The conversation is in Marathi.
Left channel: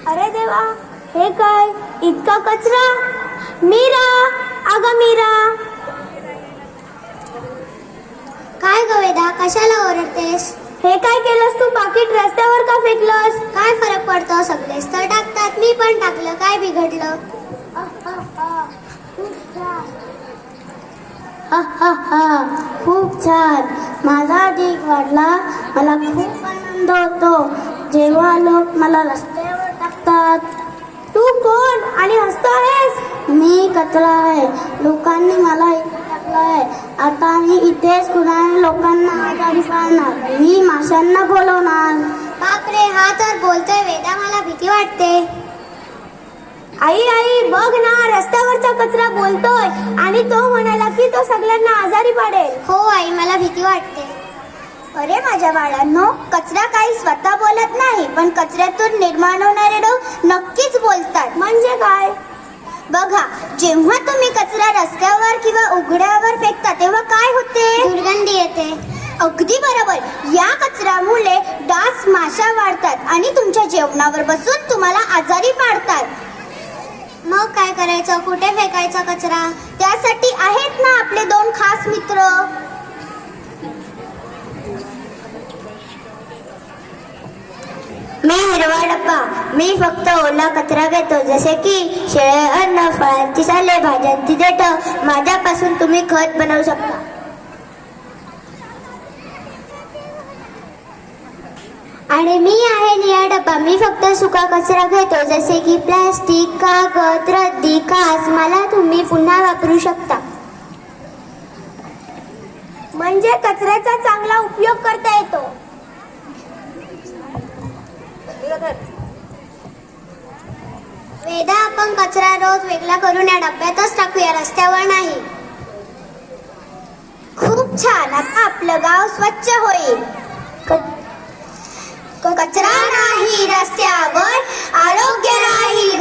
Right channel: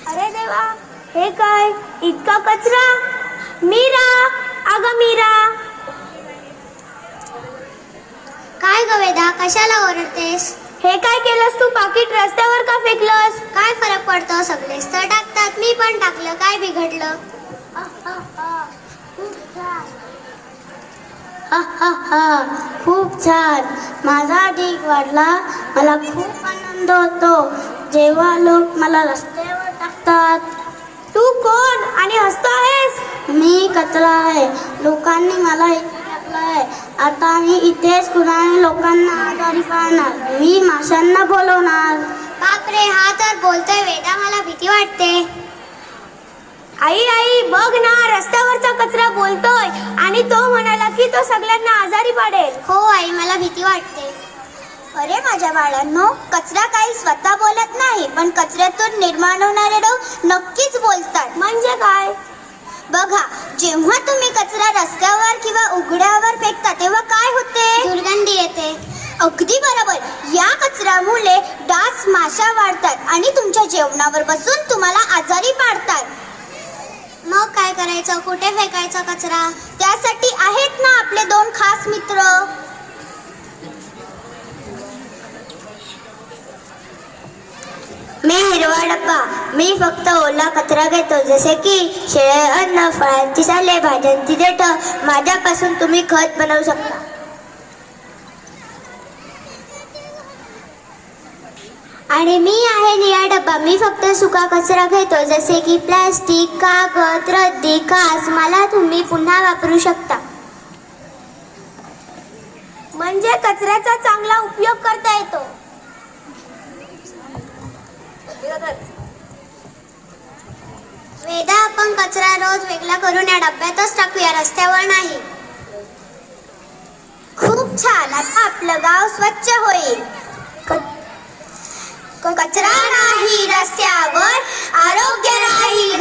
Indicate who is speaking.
Speaker 1: अरे देवा, हे काय इतका कचरा. मीरा, अगं मीरा.
Speaker 2: काय ग वेदा, कशाला ओरडतेस?
Speaker 1: हे काय केलंस तू? पाकिट रस्त्यावर का फेकलंस?
Speaker 2: काय फरक पडतो, सगळेच तर टाकतात, मी पण टाकलं, काय बिघडलं?
Speaker 1: खूप छान. माझा ढीग वाढला. मला खूप आनंद होतो जेव्हा लोक मला रस्त्यावर टाकतात. तू कोण आणि हसतो आहेस? मी कचरा आहे. लोकांनी मला इथे टाकलं आहे. आता मी इथेच कुणाला लोकांना आजारी पाडणार. मी माशांना बोलवणार.
Speaker 2: बापरे, हा तर बोलतोय. वेदा, मला भीती वाटते.
Speaker 1: आई आई, बघ ना, रस्त्यावरचा कचरा बोलतोय आणि तो म्हणाला की तो सगळ्यांना आजारी पाडेल.
Speaker 2: हो आई, मला भीती वाटते.
Speaker 3: अरे माझ्या बाळांनो, कचरा काही स्वतः बोलत नाही, पण कचऱ्यातून निर्माण होणारे लोक नक्कीच बोलतात.
Speaker 1: म्हणजे काय?
Speaker 3: बघा, जेव्हा तुम्ही कचरा रस्त्यावर किंवा उघड्यावर फेकता तेव्हा काय होते?
Speaker 2: दुर्गंधी येते.
Speaker 3: अगदी बरोबर. या कचऱ्यामुळे डास, माशा वाढतात आणि तुमच्या जेवणावर बसून तुम्हाला आजारी पाडतात.
Speaker 2: मग काय करायचं? कुठे फेकायचा कचरा?
Speaker 3: त्यासाठी आहेत ना आपले दोन खास मित्र.
Speaker 1: मी हिरवा डब्बा. मी फक्त ओला कचरा घेतो, जसे की शेळे अन्न, फळांची साले, भाज्यांची देठं. माझ्यापासून तुम्ही खत बनवू शकता.
Speaker 2: आणि मी आहे निळा डब्बा. मी फक्त सुका कचरा घेतो, जसे की प्लास्टिक, कागद, रद्दी, काच. मला तुम्ही पुन्हा वापरू शकता.
Speaker 1: म्हणजे कचऱ्याचा चांगला उपयोग करता येतो.
Speaker 2: वेदा, आपण कचरा रोज वेगळा करून या डब्यातच टाकूया, रस्त्यावर नाही.
Speaker 3: खूप छान. आता आपलं गाव स्वच्छ होईल. कचरा नाही रस्त्यावर, आरोग्य राहील